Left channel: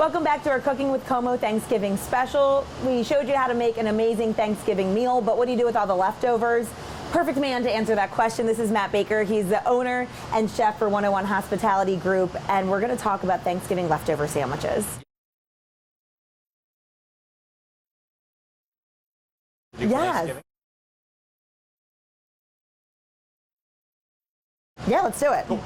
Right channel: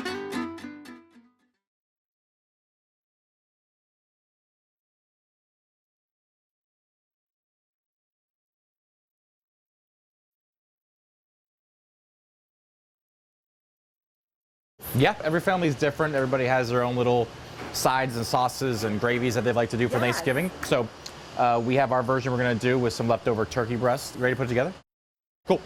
Welcome back to our Cooking with Como Thanksgiving special. We showed you how to make an amazing Thanksgiving meal, but what do you do with all the leftovers? Perfect man to answer that question. This is Matt Baker. He's the owner and chef for 101 Hospitality Group, and we're going to talk about Thanksgiving leftover sandwiches. Yep, every family's different. Everybody has their own little sides and sauces and gravies that they'd like to do for Thanksgiving. So we have our version we're going to do with some leftover turkey breast. Ready to put it together? Yeah, let's do it. Cool.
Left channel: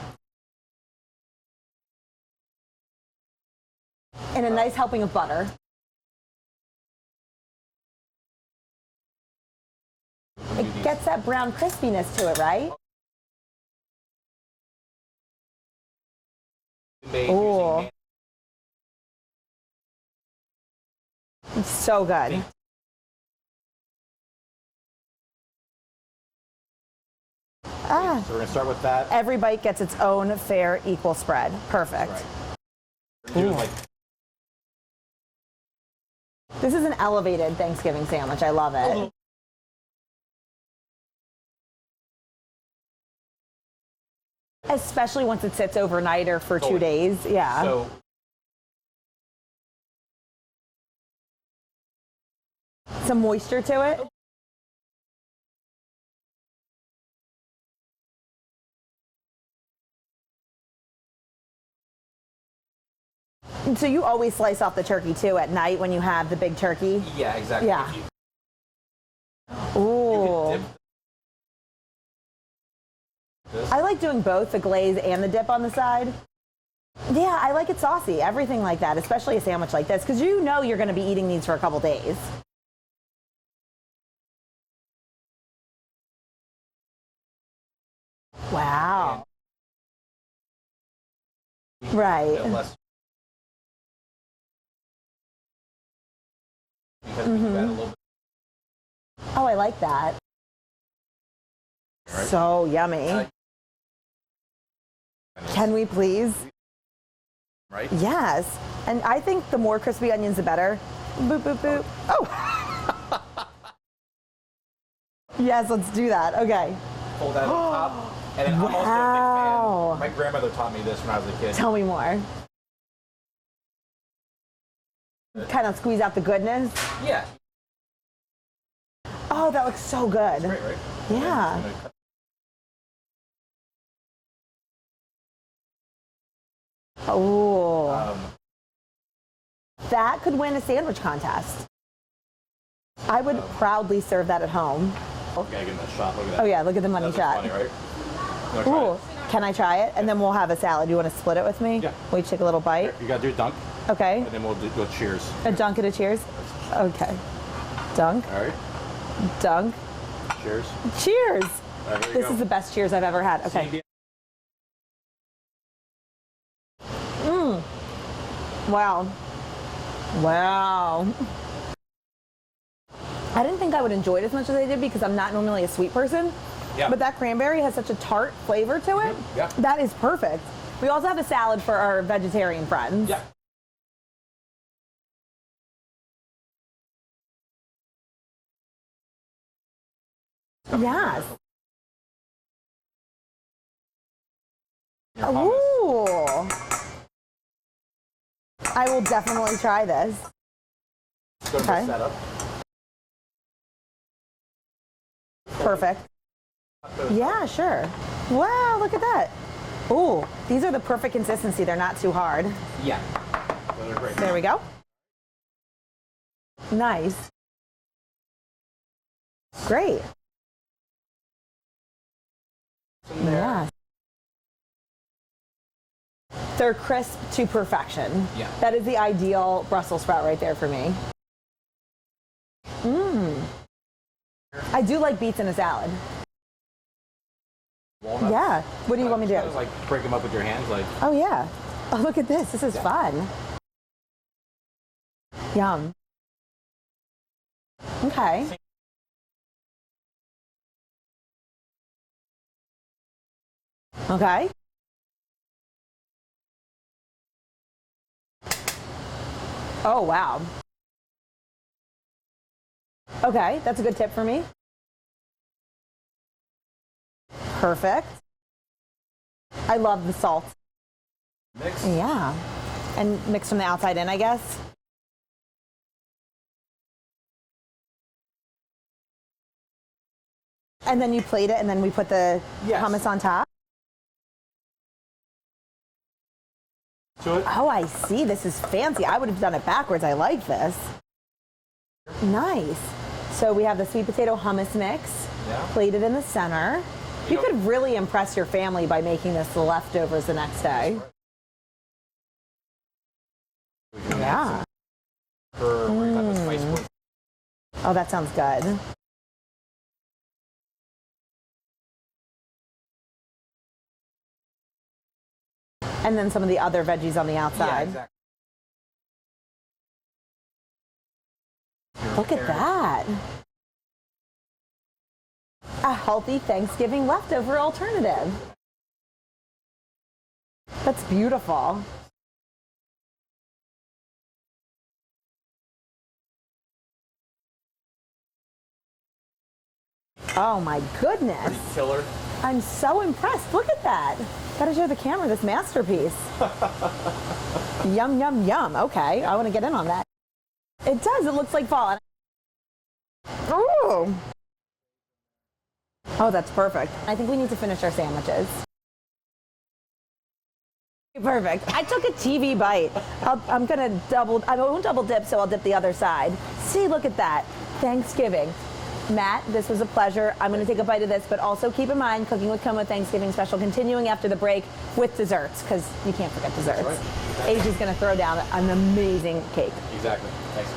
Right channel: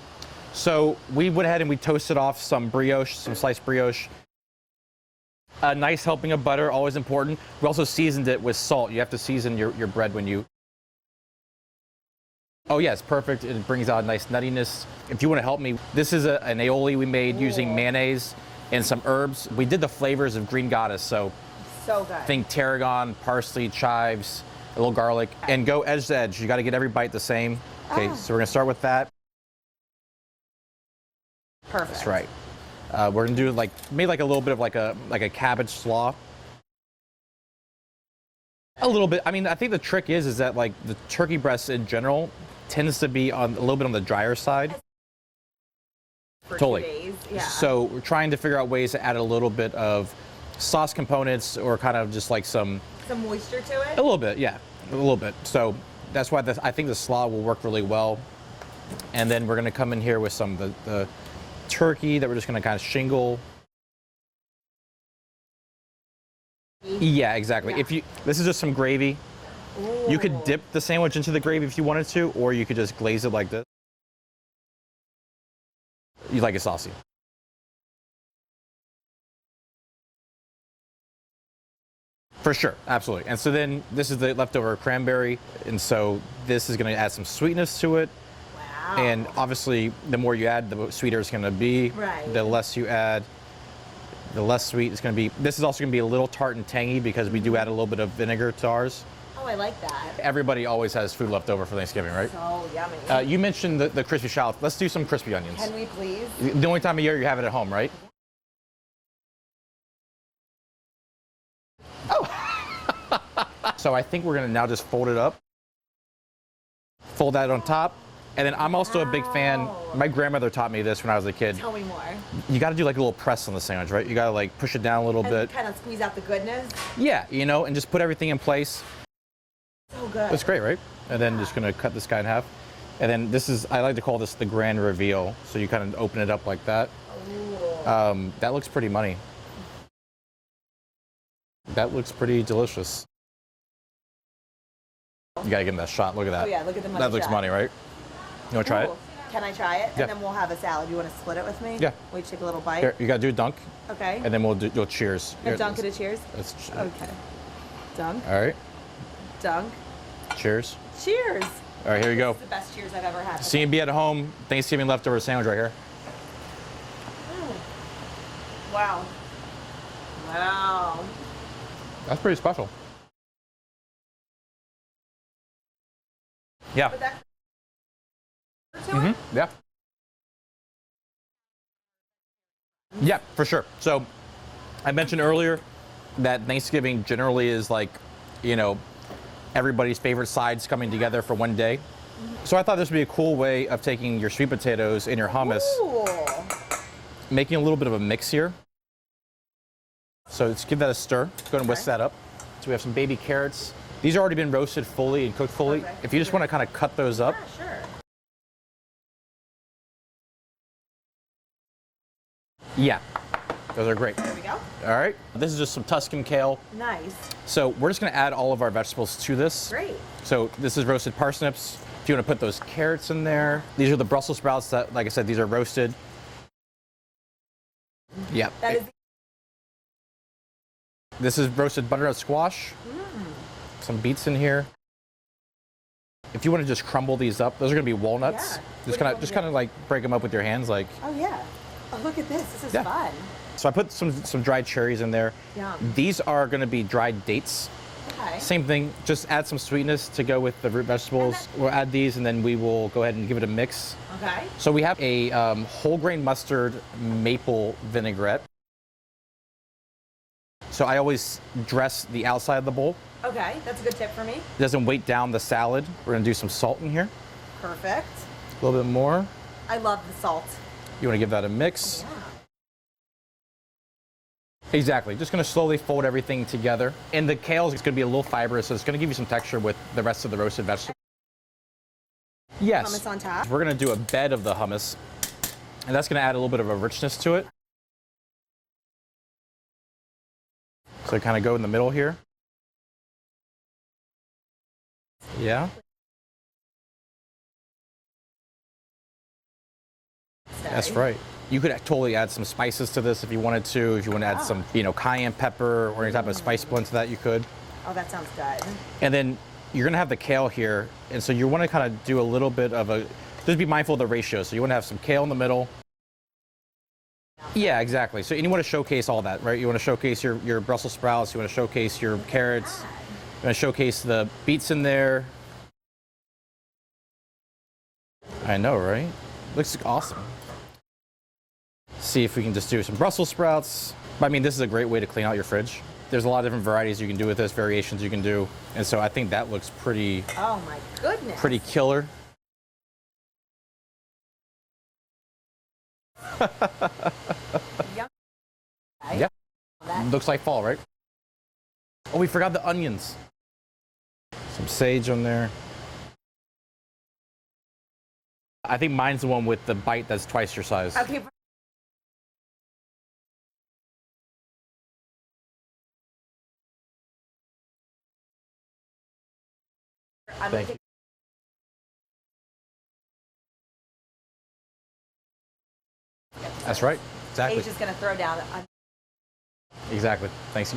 So we went ahead and we toasted off some brioche, some sliced brioche. And a nice helping of butter. A nice helping of butter, always important. We also seasoned it with salt. You have to season your bread when you do these. It gets that brown crispiness to it, right? Oh yes, perfect. It brings out a nice nuttiness. If you want to help me, this is an aioli we made using mayonnaise and some herbs. We did the flavors of Green Goddess, so it's so good. Think tarragon, parsley, chives, a little garlic, and go edge to edge. You got to get every bite the same. Okay, so we're gonna start with that. Every bite gets its own fair, equal spread. Perfect. That's right. We're gonna do maybe a little bit of like a cabbage slaw. This is an elevated Thanksgiving sandwich. I love it. A little bit. I mean, I think the trick is that like the turkey breast in general tends to be a little bit on the drier side. Especially once it sits overnight or for 2 days. Yeah. So we're trying to figure out ways to add a little bit of sauce components or kind of just like some moisture to it? A little bit, yeah, a little bit. So that's why I think the slaw will work really well. And then we're gonna come in here with some of the turkey that we're just gonna kind of shingle. So you always slice off the turkey too at night when you have the big turkey? Yeah, exactly. Yeah. This is just some gravy. Ooh. You could dip the sandwich into the gravy if you wanted to, or you could just glaze it like this. I like doing both, the glaze and the dip on the side. You like it saucy? Yeah, I like it saucy, everything like that, especially a sandwich like this, because you know you're gonna be eating these for a couple days. For sure, absolutely. And so then this is the leftover cranberry, and so this is gonna add some sweetness to it. Wow. And obviously, the more you add, the sweeter it's gonna be. Right. The less you add, the less sweet it's gonna be. This is also gonna be a little tart and tangy because we do add a little bit of vinegar to ours. Oh, I like that. Everybody always has food left over for Thanksgiving, right? So yummy. You mentioned the crispy shallots. Let's do some crispy onions. Can we please? The only time of year you have it at home, right? Yes. And I think the more crispy onions, the better. Boop, boop, boop. Oh! So I think we're gonna now just fold it up. Yes, let's do that. Okay. Fold that on top. And then I'm also a big fan, my grandmother taught me this when I was a kid. Tell me more. You gotta do like a little press on the sandwich, right? You gotta like push it down a little bit. Kind of squeeze out the goodness. Yeah, you know, and just put everything in place. Oh, that looks so good. That's great, right? And then Yeah. just gonna cut this guy in half. And then this is, I like to call this the grand reveal. So you kind of open it up like that. Oh. That looks pretty money. That could win a sandwich contest. That looks pretty delicious. I would proudly serve that at home. You gotta give him that shot, look at that. Oh yeah, look at the money That looks shot. money, right? You wanna try it? Can I try it? Yeah. And then we'll have a salad. You want to split it with me? Yeah. Will you take a little bite? Here, you gotta do dunk, Okay. and then we'll do cheers. A Here, dunk and a cheers? let's- Okay. Dunk, All right, dunk, cheers. cheers. All right, here you This go. is the best cheers I've ever had. Okay. C&B at home, Thanksgiving leftover sandwich right here. Wow. Wow. That's pretty special. I didn't think I would enjoy it as much as I did because I'm not normally a sweet person. Yeah. But that cranberry has such a tart flavor to it. Yeah. That is perfect. We also have a salad for our vegetarian friends. Yeah, for sure. So I mentioned earlier that Thanksgiving generally is like, you know, everybody's favorite sides coming together for one day. So I thought this would be a cool way of taking your sweet potatoes and your hummus, Ooh. making a little bit of a mix here. I will definitely try this. So let's give that a stir. Go to whisk that up. So we have some baby carrots. These are already been roasted fully and cooked fully. Perfect. If you just want to kind of cut those up. Yeah, sure. Wow, look at that. Ooh, these are the perfect consistency. They're not too hard. Yeah, those are great. There we go. All right, this is just some Tuscan kale. Nice. So we're just gonna add all of our vegetables to this. Great. So this is roasted parsnips. If you want to put those carrots in there. Yeah. These are the Brussels sprouts that, like I said, these are roasted. They're crisp to perfection. Yeah. That is the ideal Brussels sprout right there for me. This is roasted butternut squash. Some beets in here. I do like beets in a salad. If you want to just crumble these up, those are gonna be walnuts. Yeah. What do you want me to do? kind of like break them up with your hands, like. Oh yeah. Oh, look at this. This is fun. So I put some dried cherries in there. Yum. These are gonna be dried dates. Okay. Same thing, just add some sweetness to go with the root vegetables. We'll add these and then we will go ahead and give it a mix. Okay. So we have a whole grain mustard maple vinaigrette. Oh, wow. So I always dress the outside of the bowl. Okay, that's a good tip for me. It doesn't weight down the salad. We're gonna do some salt in here. Perfect. A little bit more. I love the salt. You wanna give that a mix. Yeah. And mix from the outside in, I guess. Exactly. Just going to slowly fold everything together. And the kale is going to be a little fibrous, so it's going to give you some texture with the rest of the roasted vegetables. And then you plate it, and then we put the hummus on top. We're going to do a bed of the hummus, and that's going to add a little bit of a richness to it. Oh, I see. This is fancy. I would have done it backwards. I like this. So kind of go in the middle here. Nice. So we have the sweet potato hummus mix. Yeah. Plated in the center. You could really impress your family by making this the leftovers the next day. That's right. You could totally add some spices to this if you wanted to. If you want to add some, cayenne pepper or any type of spice blend to that, you could. Oh, that sounds good. And then you're going to have the kale here, and so you want to kind of do a little bit of a. Just be mindful of the ratio. So you want to have some kale in the middle. And then some of the other veggies on the outside. Yeah, exactly. So and you want to showcase all that, right? You want to showcase your Brussels sprouts. You want to showcase your carrots. Look at that. You want to showcase the beets in there. A healthy Thanksgiving leftover alternative. I know, right? Looks awesome. That's beautiful. See if we can just do some Brussels sprouts. I mean, this is a great way to clean out your fridge. There's a lot of different varieties you can do with this, variations you can do. And so I think that looks pretty Oh my goodness. pretty killer. I'm so impressed. Look at that. Gotta show the camera this masterpiece. Yum, yum, yum. Okay, Yep. I want to get in on that. Looks like fall, right? It does. It looks like fall. Oh, we forgot the onions. Ooh. Some sage on there. Oh, that's perfect. I think we need to finish our sandwiches. I think mine's the one with the bite that's twice your size. Okay, perfect. I took a TV bite. I'm gonna I won't double dip, so I'll dip the other side. See, look at that. Thanksgiving. Matt, this was a pleasure. I'm going to take a bite of this, but also keep in mind, Cooking with Como Thanksgiving special continuing after the break with desserts, because you can't forget desserts. That's right. Exactly. Asia's going to throw down an amazing cake. Exactly. Thanks.